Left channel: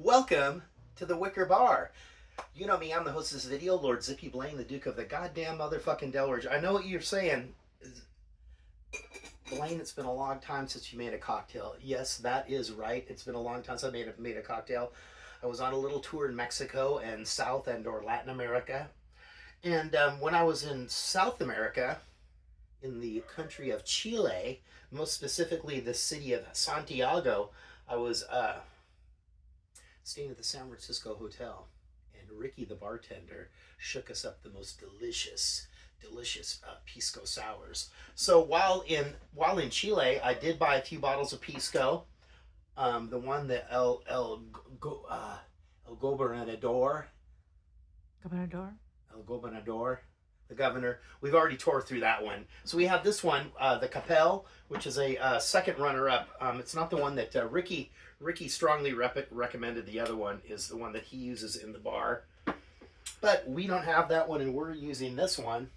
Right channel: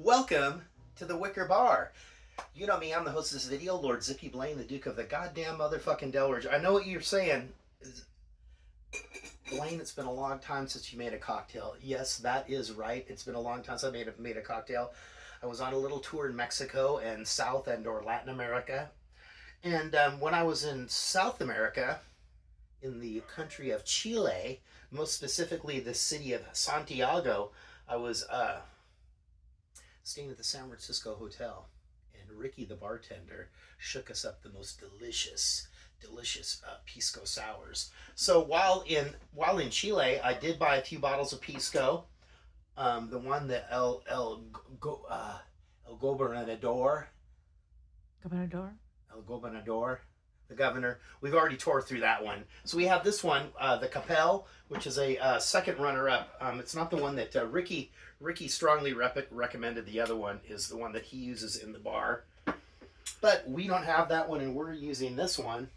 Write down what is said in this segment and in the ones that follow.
Welcome to the Wicker Bar. You know me, I'm the host of this video, Lord Zippy Blaine, the Duke of the goddamn motherfucking Delaware. I know what you're saying. Blaine, it's been a long time since you made a cocktail. Yes, that is right. It's been a long time since I made a cocktail. I was on a little tour in Mexico and South and or Latin America. And when I was in South America, in the country of Chile, most specifically the city of Santiago, I was staying at the San Francisco Hotel, and Ricky, the bartender, shook us up the most delicious pisco sours. So while in Chile, I did buy a few bottles of pisco. The one that El Gobernador, Gobernador? El Gobernador, the governor. We've already tore through that one. So we have this one, the Capel, which is a second runner-up. It's not the one that Ricky strongly recommended. The other one is the one that he uses in the bar. But we don't have that one, and we're using this one.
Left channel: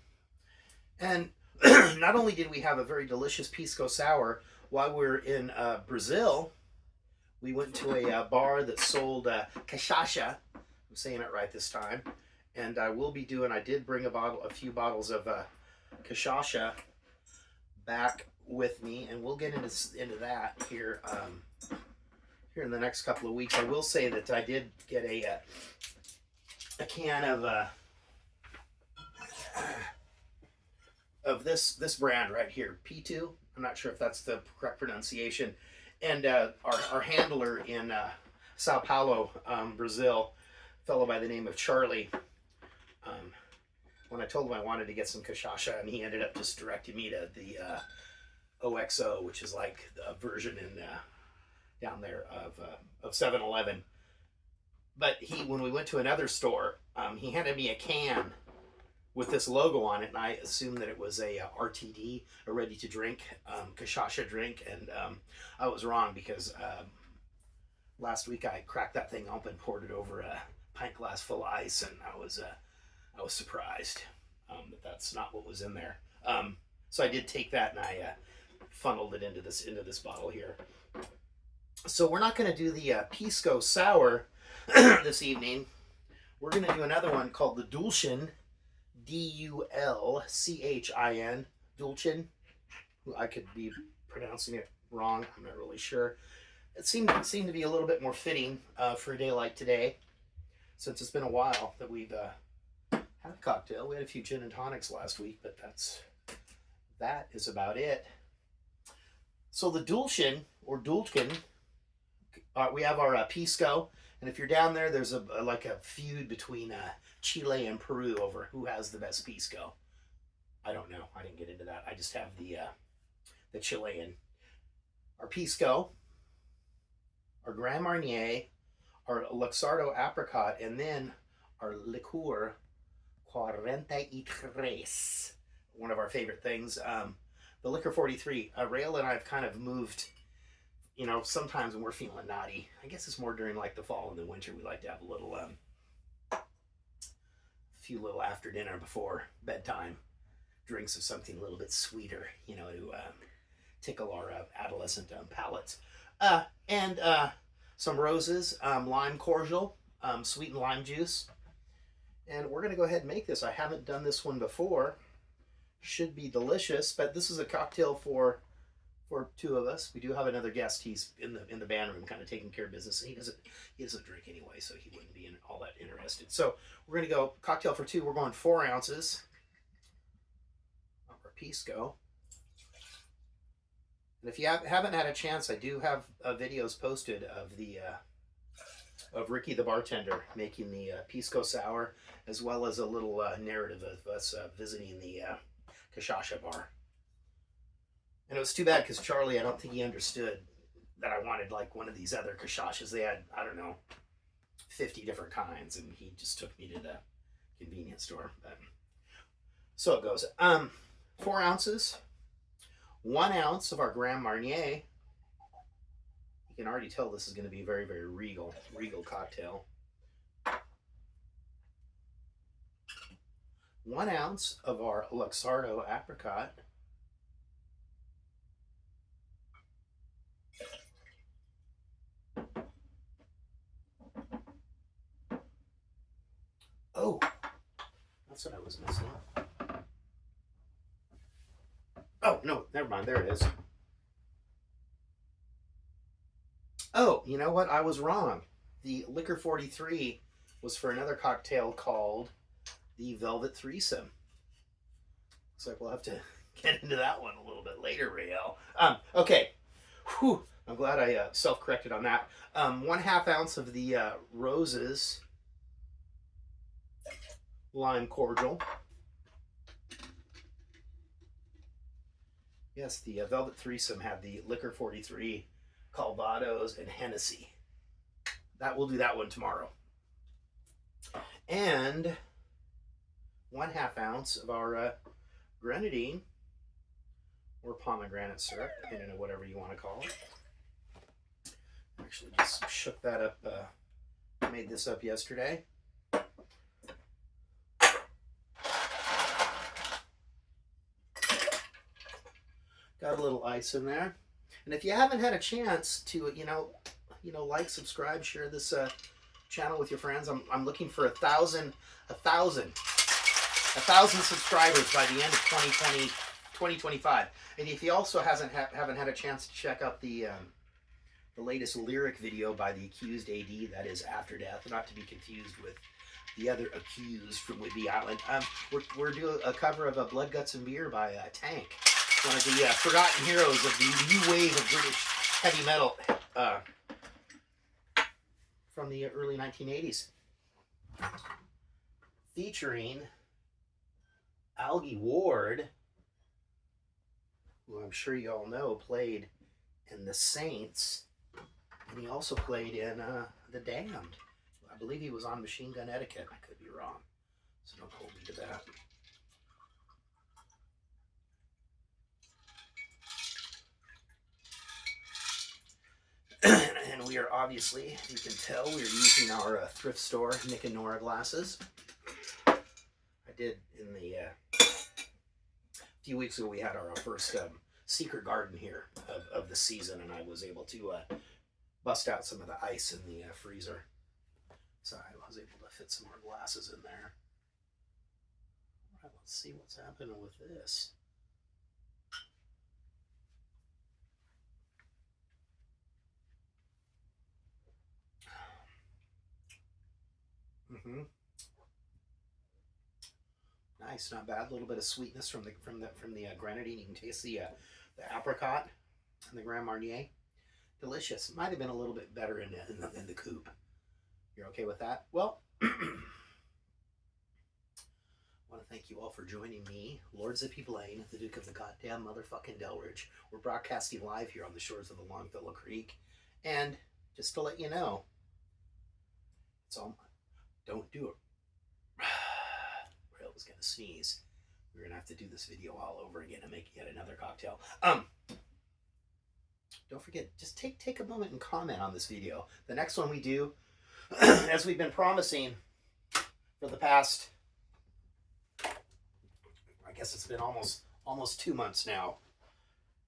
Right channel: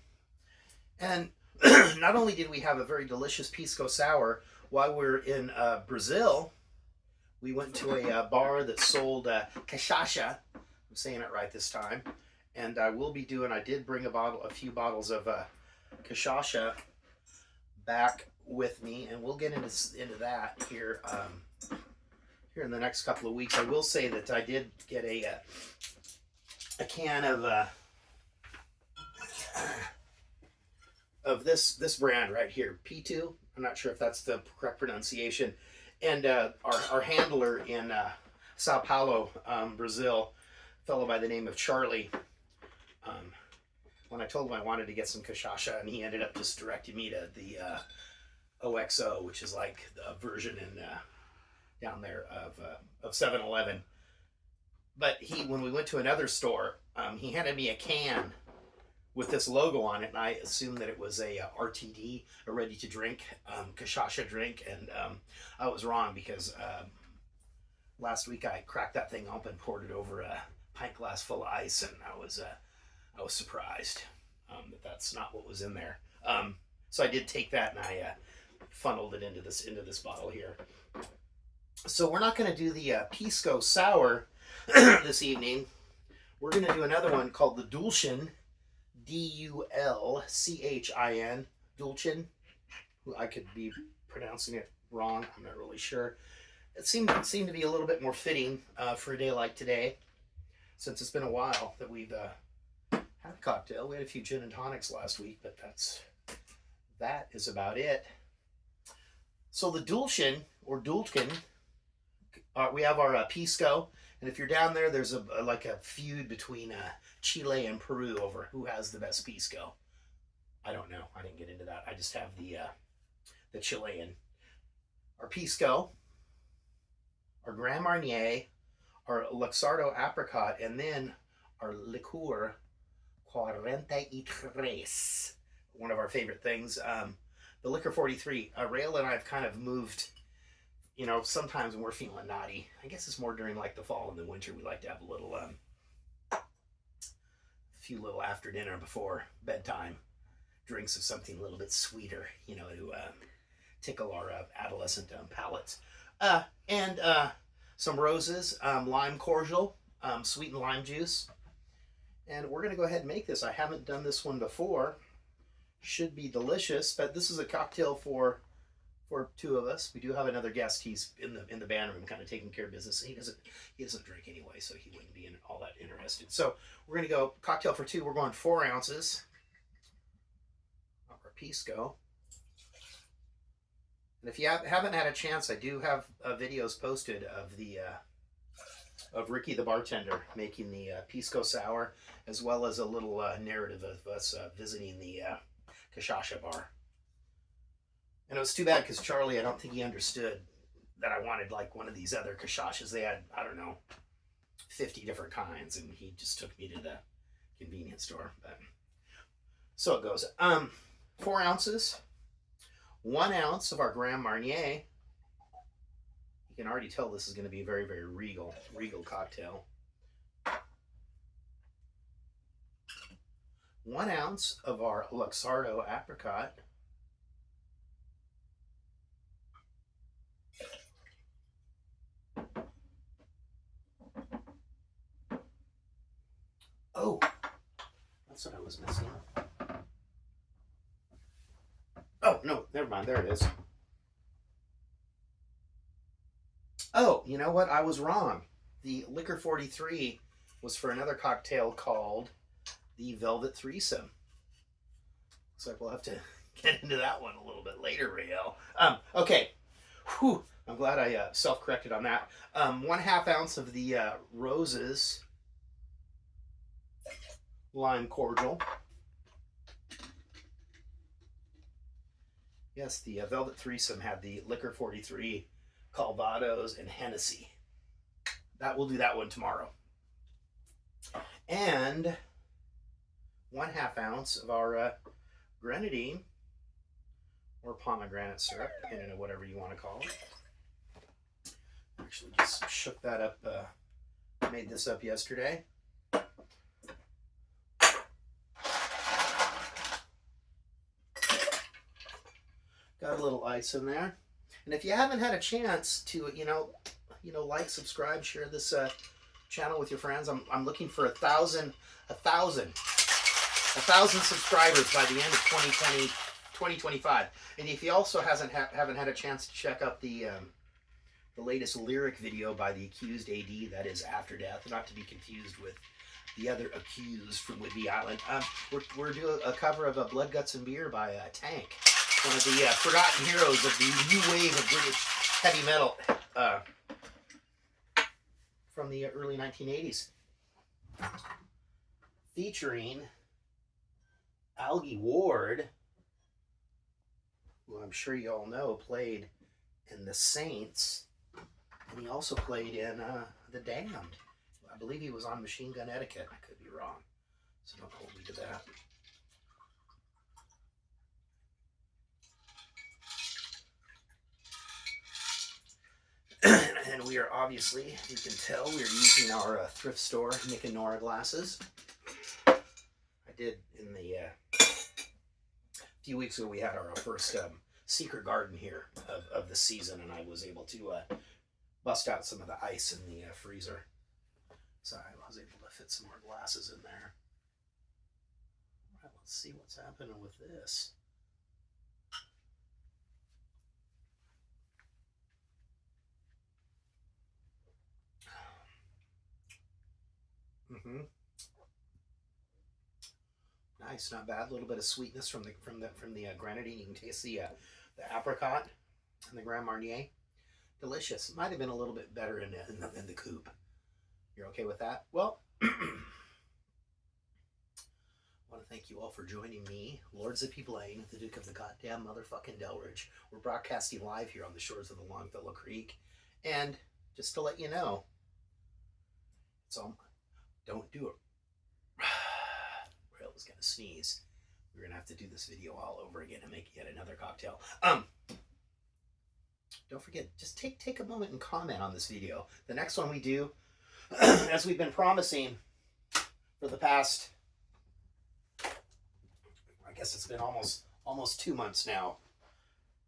And not only did we have a very delicious pisco sour, while we were in Brazil, we went to a bar that sold cachaça. I'm saying it right this time. And I did bring a few bottles of cachaça back with me, and we'll get into that here in the next couple of weeks. I will say that I did get a can of this brand right here, P2. I'm not sure if that's the correct pronunciation. And our handler in Sao Paulo, Brazil, a fellow by the name of Charlie, when I told him I wanted to get some cachaça, and he ended up just directing me to the OXO, which is like the version in down there of 7-Eleven. But when we went to another store, he handed me a can with this logo on it, and I assumed that it was a RTD, a ready-to-drink cachaça drink, and I was wrong, because last week I cracked that thing open, poured it over a pint glass full of ice, and I was surprised that that's not what was in there. So I did take that, and I funneled it into this bottle here. So we're not going to do the pisco sour this evening. We're going to do another one called the Dulchin, Dulchin, Dulchin. I could be pronouncing it wrong. I'm not really sure. It seemed to be a little bit more fitting for a day like today, since it's been a while that we've had a cocktail. We had a few gin and tonics last week, but that is about it. So the Dulchin, or Dulchin, we have our pisco, and if you're down there, there's a feud between Chile and Peru over who has the best pisco. I don't know. I didn't get into that. I just have the Chilean. Our pisco, our Grand Marnier, our Luxardo apricot, and then our liqueur 43, one of our favorite things. The liquor 43. Rael and I have kind of moved. You know, sometimes when we're feeling naughty, I guess it's more during like the fall and the winter, we like to have a little, few little after dinner before bedtime drinks of something a little bit sweeter, you know, to tickle our adolescent palates. And some roses, lime cordial, sweetened lime juice. And we're going to go ahead and make this. I haven't done this one before. Should be delicious, but this is a cocktail for two of us. We do have another guest. He's in the band room, kind of taking care of business. He doesn't drink anyway, so he wouldn't be all that interested. So we're gonna go cocktail for two. We're going 4 ounces of our pisco. And if you haven't had a chance, I do have videos posted of Ricky the bartender making the pisco sour, as well as a little narrative of us visiting the cachaça bar. And it was too bad, because Charlie, I don't think he understood that I wanted like one of these other cachaças. They had, I don't know, 50 different kinds, and he just took me to the convenience store. But so it goes. 4 ounces, 1 ounce of our Grand Marnier. You can already tell this is going to be a very, very regal cocktail. 1 ounce of our Luxardo apricot. 1 Oh, that's what I was missing. Oh, no, never mind. There it is. Oh, you know what? I was wrong. The Liquor 43 was for another cocktail called the Velvet Threesome. Looks like we'll have to get into that one a little bit later, Rael. Okay. Whew. I'm glad I self-corrected on that. 1/2 ounce of the Roses lime cordial. Yes, the Velvet Threesome had the Liquor 43, Calvados, and Hennessy. We'll do that one tomorrow. And 1/2 ounce of our grenadine or pomegranate syrup, depending on whatever you want to call it. Actually, just shook that up. Made this up yesterday. Got a little ice in there. And if you haven't had a chance to, like, subscribe, share this channel with your friends, I'm looking for 1,000 subscribers by the end of 2025. And if you also haven't had a chance to check out the latest lyric video by the Accused AD, that is After Death, not to be confused with the other Accused from Whidbey Island. We're doing a cover of Blood, Guts, and Beer by Tank, one of the forgotten heroes of the new wave of British heavy metal from the early 1980s. Featuring Algie Ward, who I'm sure you all know played in The Saints, and he also played in The Damned. I believe he was on Machine Gun Etiquette. I could be wrong, so don't hold me to that. And we are obviously, you can tell, we are using our thrift store Nick and Nora glasses. I did in the few weeks ago, we had our first secret garden here of the season, and I was able to bust out some of the ice in the freezer. So I was able to fit some more glasses in there. All right, let's see what's happening with this. Nice, not bad. A little bit of sweetness from the grenadine. You can taste the apricot and the Grand Marnier. Delicious. Might have been a little bit better in the coupe. You're okay with that? Well, I want to thank you all for joining me, Lord Zippy Blaine, the Duke of the goddamn motherfucking Delridge. We're broadcasting live here on the shores of the Longfellow Creek, and just to let you know, don't do it. Rail was gonna sneeze. We're gonna have to do this video all over again and make yet another cocktail. Don't forget, just take a moment and comment on this video. The next one we do, as we've been promising for the past, I guess it's been almost 2 months now,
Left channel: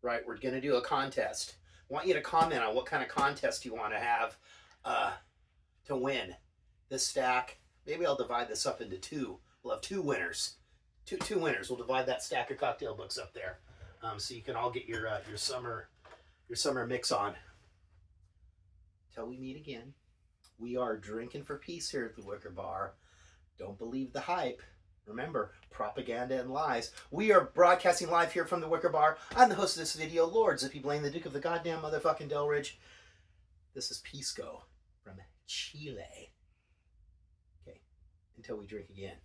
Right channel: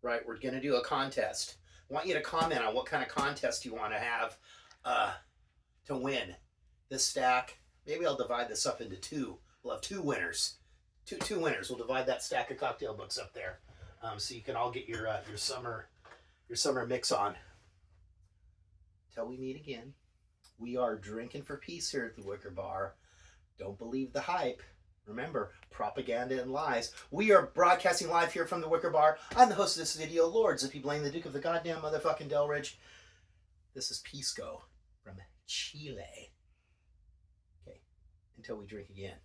right? We're gonna do a contest. I want you to comment on what kind of contest you want to have to win this stack. Maybe I'll divide this up into two. We'll have two winners. Two winners. We'll divide that stack of cocktail books up there, so you can all get your summer mix on. Till we meet again. We are drinking for peace here at the Wicker Bar. Don't believe the hype. Remember, propaganda and lies. We are broadcasting live here from the Wicker Bar. I'm the host of this video, Lord Zippy Blaine, the Duke of the goddamn motherfucking Delridge. This is Pisco from Chile. Okay, until we drink again.